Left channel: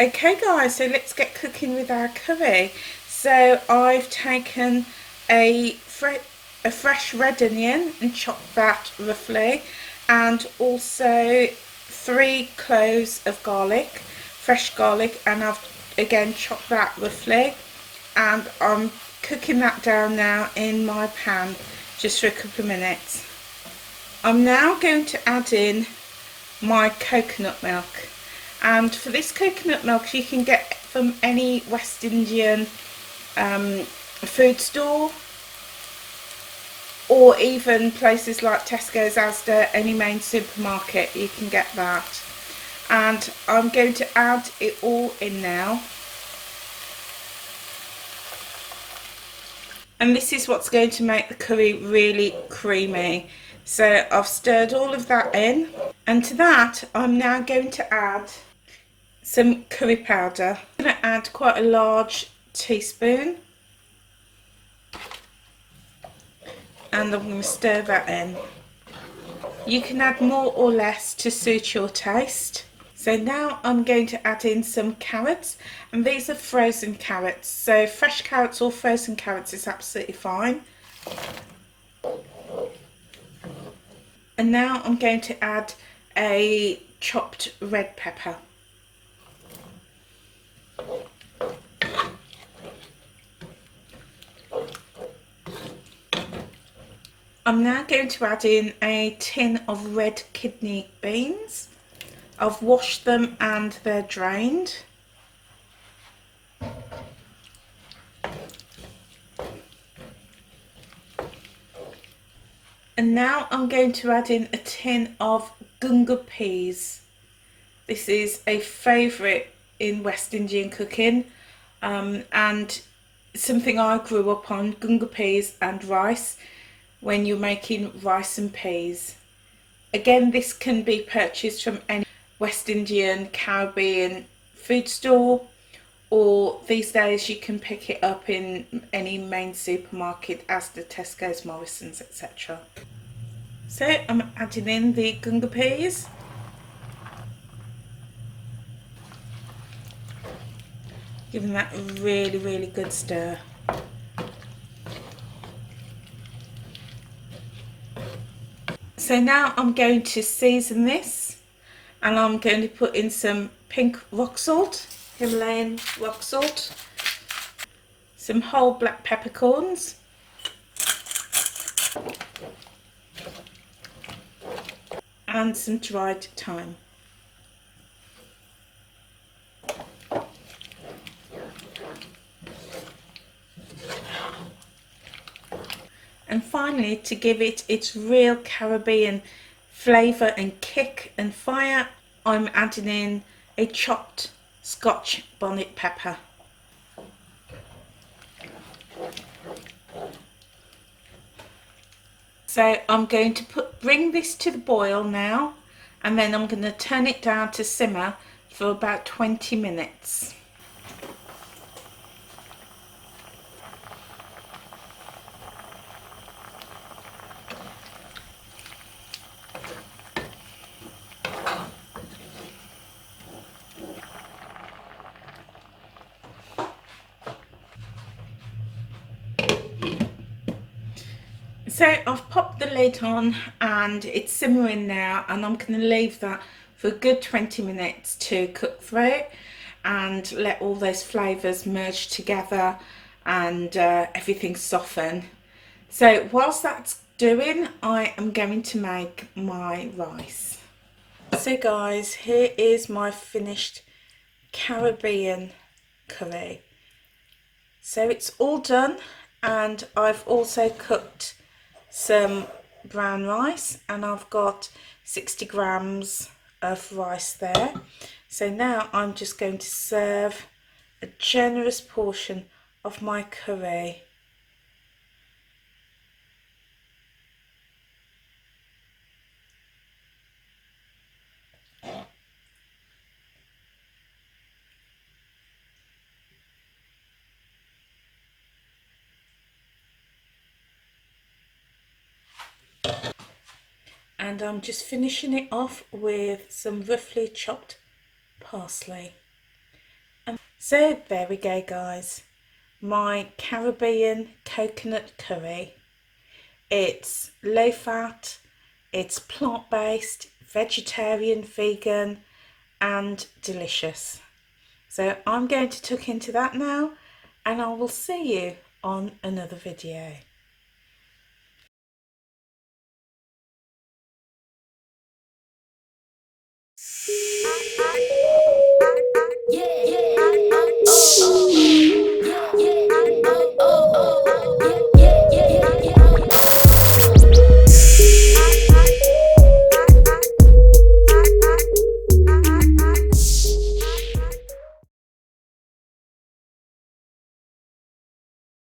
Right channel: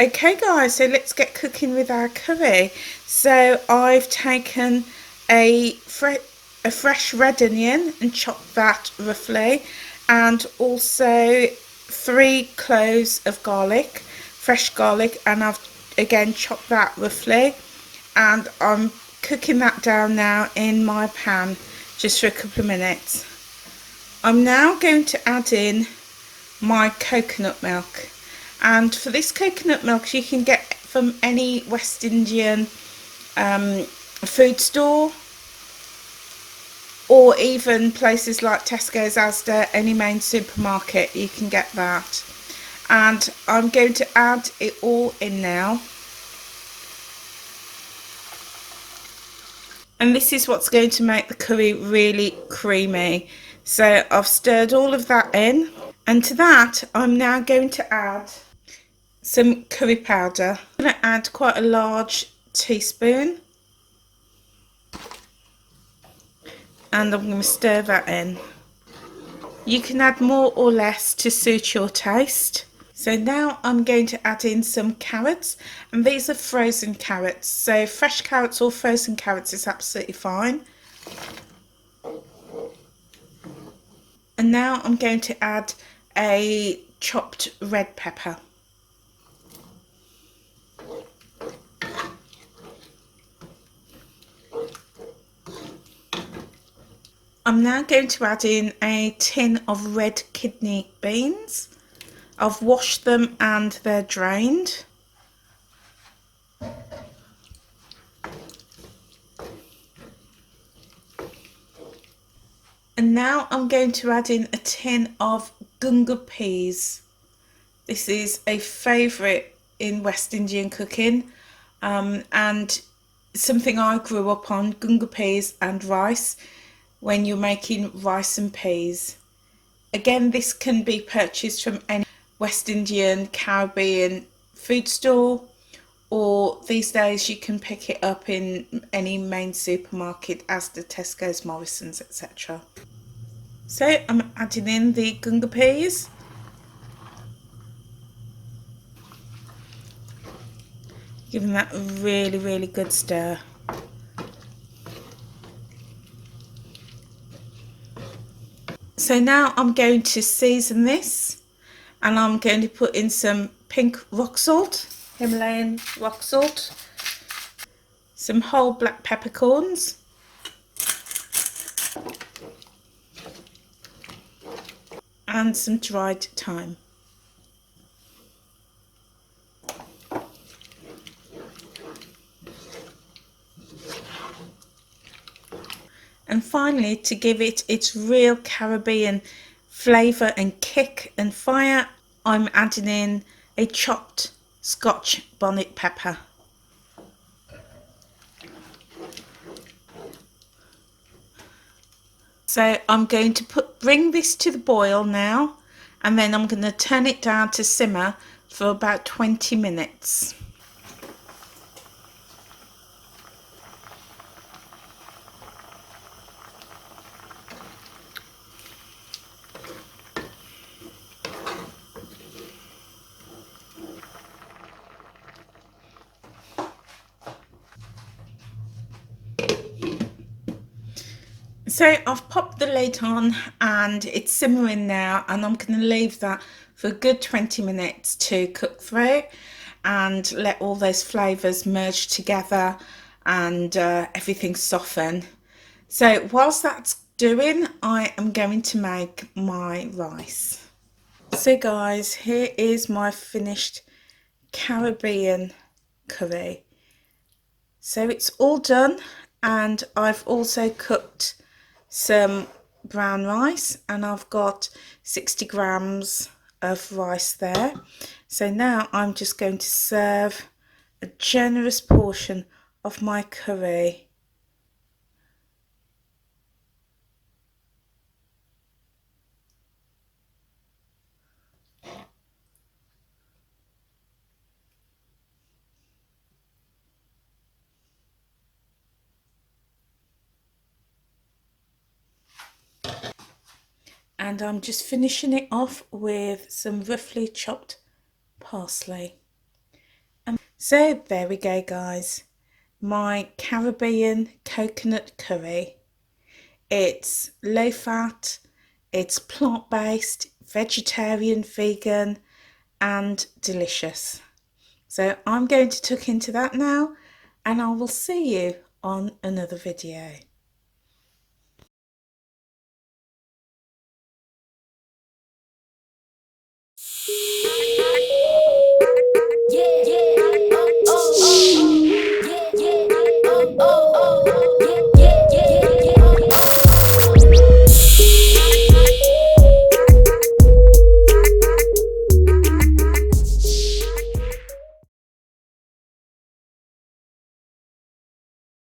Okay guys, so let's get cooking with our curry. So I've taken a, a fresh red onion and chopped that roughly, and also 3 cloves of garlic, fresh garlic, and I've again chopped that roughly, and I'm cooking that down now in my pan just for a couple of minutes. I'm now going to add in my coconut milk, and for this coconut milk you can get from any West Indian food store, or even places like Tesco's, Asda, any main supermarket you can get that. And I'm going to add it all in now, and this is what's going to make the curry really creamy. So I've stirred all of that in, and to that I'm now going to add some curry powder. I'm going to add quite a large teaspoon, and I'm going to stir that in. You can add more or less to suit your taste. So now I'm going to add in some carrots, and these are frozen carrots, so fresh carrots or frozen carrots is absolutely fine. And now I'm going to add a chopped red pepper. I'm now going to add in a tin of red kidney beans. I've washed them and they're drained. And now I'm going to add in a tin of gunga peas. This is a favourite in West Indian cooking, and something I grew up on, gunga peas and rice, when you're making rice and peas. Again, this can be purchased from any West Indian, Caribbean food store, or these days you can pick it up in any main supermarket, Asda, Tesco's, Morrison's, etc. So I'm adding in the gunga peas. Giving that a really good stir. So now I'm going to season this, and I'm going to put in some pink rock salt, Himalayan rock salt, some whole black peppercorns, and some dried thyme. And finally, to give it its real Caribbean flavour and kick and fire, I'm adding in a chopped Scotch bonnet pepper. So I'm going to bring this to the boil now, and then I'm going to turn it down to simmer for about 20 minutes. So I've popped the lid on and it's simmering now, and I'm going to leave that for a good 20 minutes to cook through and let all those flavours merge together and everything soften. So whilst that's doing, I am going to make my rice. So guys, here is my finished Caribbean curry. So it's all done, and I've also cooked some brown rice, and I've got 60 grams of rice there. So now I'm just going to serve a generous portion of my curry. And I'm just finishing it off with some roughly chopped parsley. So there we go, guys. My Caribbean coconut curry. It's low fat, it's plant-based, vegetarian, vegan, and delicious. So I'm going to tuck into that now, and I will see you on another video.